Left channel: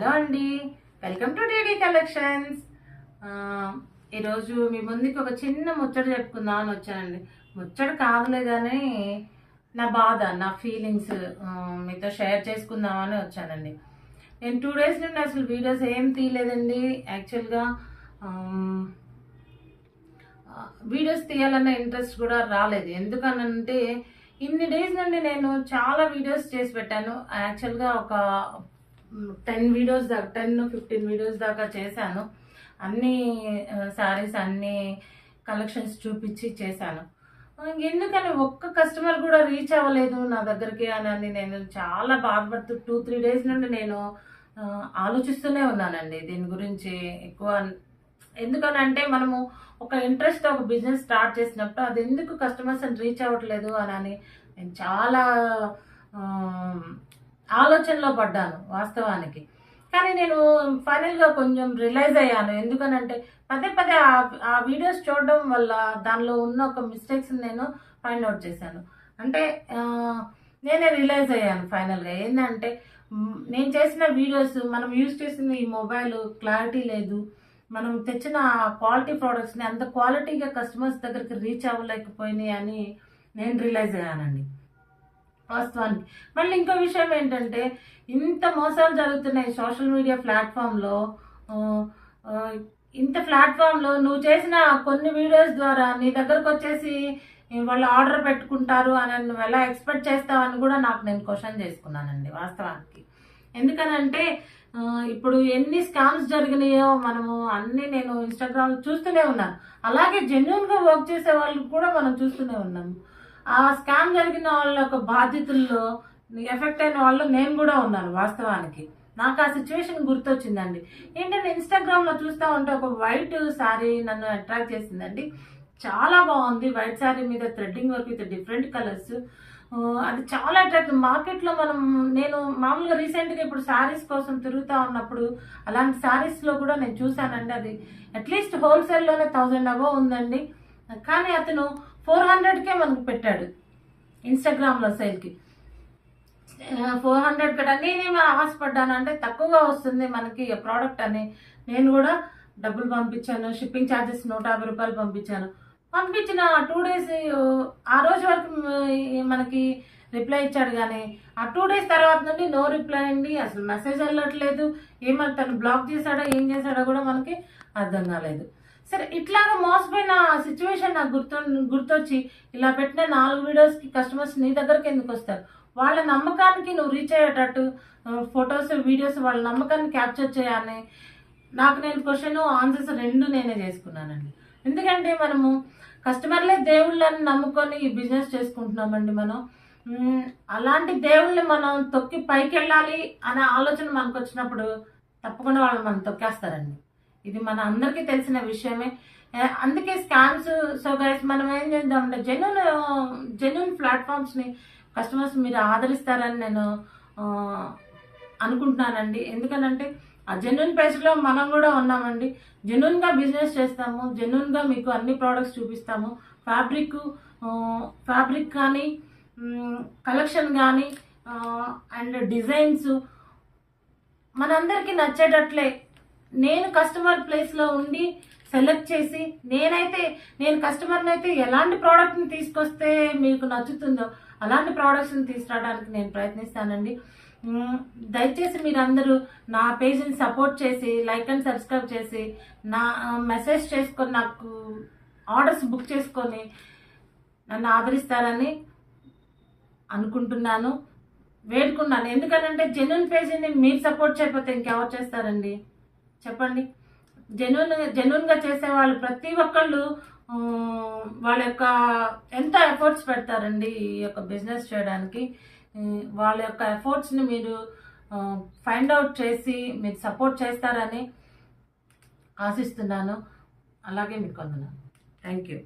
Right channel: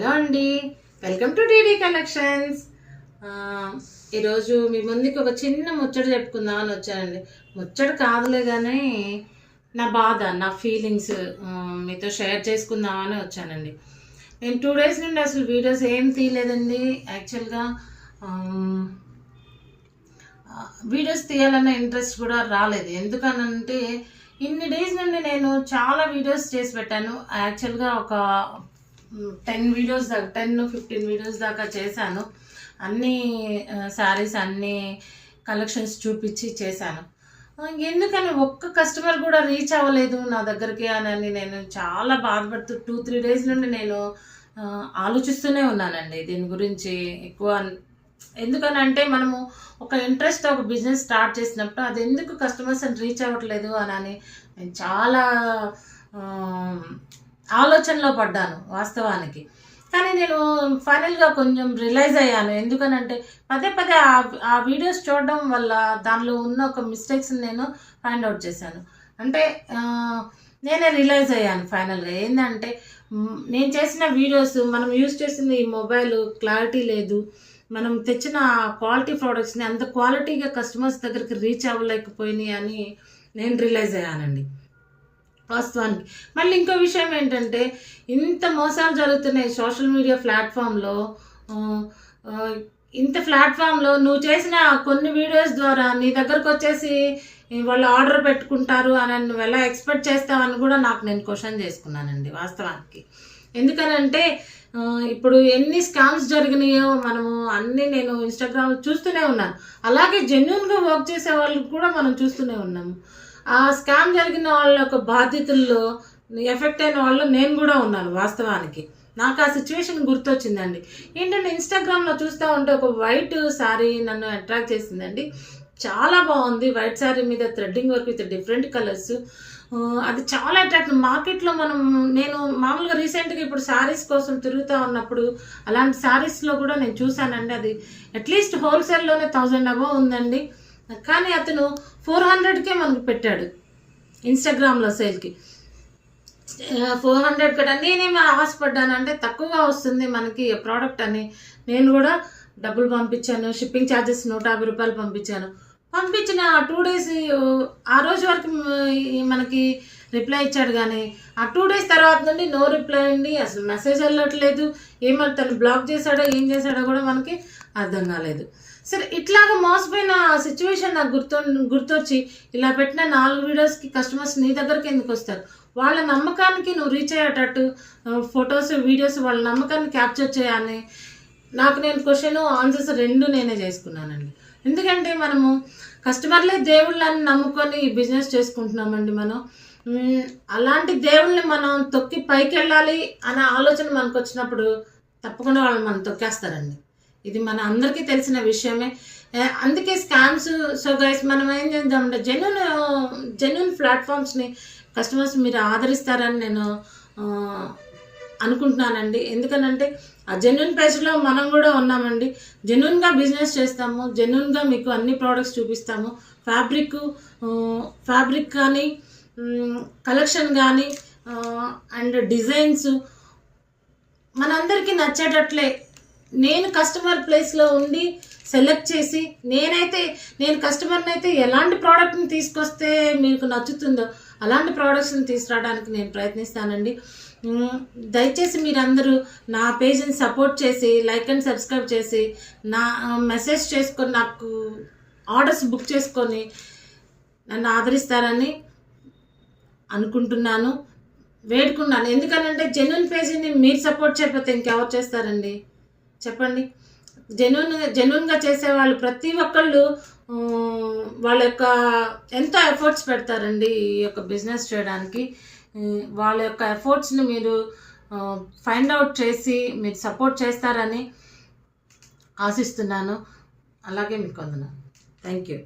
Hello అండి, welcome to DD collections. ఈరోజు మీ ముందుకి ఒక చిన్న ముచ్చట చెప్పుకుందామని వచ్చానండి. ముచ్చట కాదులే కానీ నా బాధ, నా ఫీలింగ్స్ మీతో షేర్ చేసుకుందామని వచ్చానండి. నేను 2 days నుండి అసలు వీడియోస్ ఏం తీయలేదండి. యాక్చువల్గా వీడియోస్ తీయాలన్న ఇంట్రెస్ట్ కూడా రాలేదు. ఎందుకనంటే ఇన్ని డేస్ నుండి నేను చాలా వీడియోస్ చేసి పెట్టాను. యాక్చువల్గా ఒక 10 వీడియోస్ దాకా 10-15 వీడియోస్ దాకా చేశాను. అన్ని శారీస్ అన్ని కలెక్షన్స్ చూపించి చేశాను. ఎందుకని ఒక్క కస్టమర్ కూడా రీచ్ అవ్వలేదు నా దగ్గరికి అని నేను చాలా బాధపడుతూ 2-3 days నుండి నేను ఆలోచిస్తూనే ఉన్నానండి దీని గురించి ఎక్కువ. ఎందుకనంటే మనము ఒక ఇంట్రెస్ట్ ఒక బిజినెస్ స్టార్ట్ చేసినప్పుడు అది ఎందుకు కస్టమర్స్ అని రీచ్ అవ్వట్లేదు అని నేను చాలా ఆలోచనలో పడ్డాను వాస్తవానికి. కానీ నేను ఫైనల్గా కొంచెం రియలైజ్ అయ్యాను. ఎందుకనంటే పదే పదే ఆ వీడియోస్ చూడడం వల్ల దానిలో ఉన్న ఒక మిస్టేక్స్ని నేను ఫైండ్ అవుట్ చేశాను. అంటే నేనే రియలైజ్ అయ్యాను ఫైనల్గా. ఏంటంటే నేను చేసిన వీడియోస్, మనం యూజ్ చేసింది ఈ మొబైల్ క్లారిటీ లేదు, మనం తెచ్చిన క్వాలిటీ ప్రోడక్ట్స్ని అంత క్వాలిటీగా కస్టమర్స్ దగ్గరికి రీచ్ అవ్వలేకపోయినాయి అని నేను రియలైజ్ అయ్యానండి వాస్తవానికి. మళ్ళీ ఇంకో విషయం ఏంటంటే ఇంత మోసాలు జరుగుతున్నాయి సోషల్ మీడియా ప్లాట్ఫామ్లో. ఇంత ప్లాట్ఫామ్లో నువ్వు చేసిన కొన్ని వీడియోస్ ద్వారా నీ దగ్గరకు వచ్చేసి వాళ్ళు ఆర్డర్ పెట్టుకుంటారు అని నువ్వు ఎలా ఎక్స్పెక్ట్ చేస్తావని కూడా నేను క్వశ్చన్ చేసుకున్నానండి వాస్తవానికి. ఎందుకనంటే ఇప్పుడు ఎన్ని స్కామ్స్ జరిగినాయో మనము అన్నీ నేను ఇన్స్టాగ్రామ్లో చూస్తూనే ఉన్నాను. అలాగే జెన్యూన్గా వర్క్ చేసే వాళ్ళకి కూడా మనం చూస్తూనే ఉన్నాము. ఆ స్కామ్ జరిగిన వాళ్ళ యొక్క బాధ్యతల్లో ఎఫెక్ట్ అయిన వాళ్ళు నేను కూడా ఉన్నాను వాస్తవానికి. నాకు ఆ సిచ్యువేషన్ గుర్తొచ్చిందండి. ఏంటంటే ఇన్స్టాగ్రామ్లో చూస్తూ ఉంటే ఒక వైట్ శారీ నన్ను అట్రాక్ట్ చేసిందండి. చాలా బాగుంది. వైట్ శారీ మీద threading work with different colours. అది చాలా అట్రాక్టివ్. మార్కెట్లో నేను మామూలుగా రీసెంట్గా ఇప్పుడు శారీస్ కోసం తిరుగుతూ ఉన్నప్పుడు అలాంటి శారీస్లో కూడా నేను చూశానండి. అది అట్లీస్ట్ హోల్సేల్లోనే 1000 above ఉందండి. కానీ అతను 400కే మనకు పెట్టాడు ఇన్స్టాగ్రామ్లో సేల్కి. 400 కదా. నేనేమి ఆశపడ్డాను అంటే తక్కువగా వస్తుంది మనకి ప్రోడక్ట్ అని నేను కూడా డబ్బులు పంపించాను. షిప్పింగ్ ఛార్జెస్ 150 రూపాయలు పంపించాను. పంపించిన 2 days ఆ రోజు వరకు మనకి రిప్లై ఇచ్చాడు. కానీ ఆ 2 days తర్వాత నుండి నో రిప్లై అండి. అసలు మెసేజ్ వెళ్ళట్లేదు. ఏమన్నా తను బ్లాక్ చేశాడో ఏం చేశాడో కూడా మనకి అర్థం కాలేదు. సరే, ఇట్లాగా మోసపోయిన సిచ్యువేషన్ నాకు గుర్తొచ్చి ఇలా పెట్టిన 4 వీడియోస్కి కస్టమర్స్ నీ దగ్గరికి ఎందుకు వస్తారు? వాళ్ళ నమ్మకానికి నువ్వు రీచ్ అయ్యేటట్టు ఫొటోస్ వీడియోస్ వాళ్ళ నమ్మకాన్ని క్యాప్చర్ చేయాలని నేను క్వశ్చన్ ఆన్సర్స్ 2 నేనే చేసుకున్నానండి. ఎందుకంటే మనము కస్టమర్లే దేవుళ్ళని నమ్ముకొని ఈ బిజినెస్ చేసుకుంటున్నామండి మనం. అలాంటి దేవుళ్ళని మనం తొక్కి పైకి వెళ్ళాలి అనే ఆలోచన మనకు వచ్చినప్పుడు తప్పకుండా వాళ్ళు మనం తొక్కేస్తారండి. ఇది మన అందరికీ తెలిసిన విషయమే. అందుకే స్కామ్స్. సో గైస్, మనం ఏం చేద్దామంటే జెన్యూన్ ప్లాట్ఫామ్స్ని కస్టమర్స్ మీరు ఆదరిస్తారని నేను అనుకుంటున్నానండి. ఎందుకనంటే ఆ జెన్యూన్ పేజ్లో మనం కూడా ఉన్నామండి. జెన్యూన్గా బిజినెస్ చేస్తాము, జెన్యూన్గా మీకు అన్ని ప్రోడక్ట్స్ చూపిస్తాము. ఫ్యాబ్రిక్ కానీ, కలెక్షన్ కానీ, అండ్ డిజైన్స్ మనందరికీ నచ్చేటట్లే నేను కస్టమర్ ప్లేస్లో ఉండి సెలెక్ట్ చేసి నేను కస్టమర్ని అయితే ఎలాంటి ప్రోడక్ట్ని తీసుకొస్తే మీకు నచ్చుతుందో అలాంటి ప్రోడక్ట్స్ని తీసుకురావడానికి నేను ప్రయత్నిస్తానండి. దయచేసి మీరందరూ నా పేజ్ని సపోర్ట్ చేసి లైక్ అండ్ సబ్స్క్రైబ్ చేసి నా మెసేజ్ చేసుకొని నాకు ఆర్డర్స్ బుక్ చేసుకొని నన్ను ఆదరిస్తారని అనుకుంటున్నాను, వేడుకున్నాను. ఎందుకనంటే జెన్యూన్ పేజీని మీరు సపోర్ట్ చేయకపోతే ఇంకెవరు చేస్తారండి చెప్పండి? జెన్యూన్గా చేసేవాళ్ళు ప్రతి ఒక్కళ్ళు వాళ్ళ యొక్క ఎంతో ఎఫర్ట్స్ పెడతారండి ఈ యొక్క బిజినెస్ చేయడానికి. వాళ్ళ యొక్క ఎఫర్ట్స్ని మీరు ఫైండ్ అవుట్ చేసి మీరు సపోర్ట్ చేస్తారని ఆశిస్తున్నాను. అలాగే మీకు వందనాలు. Thank you.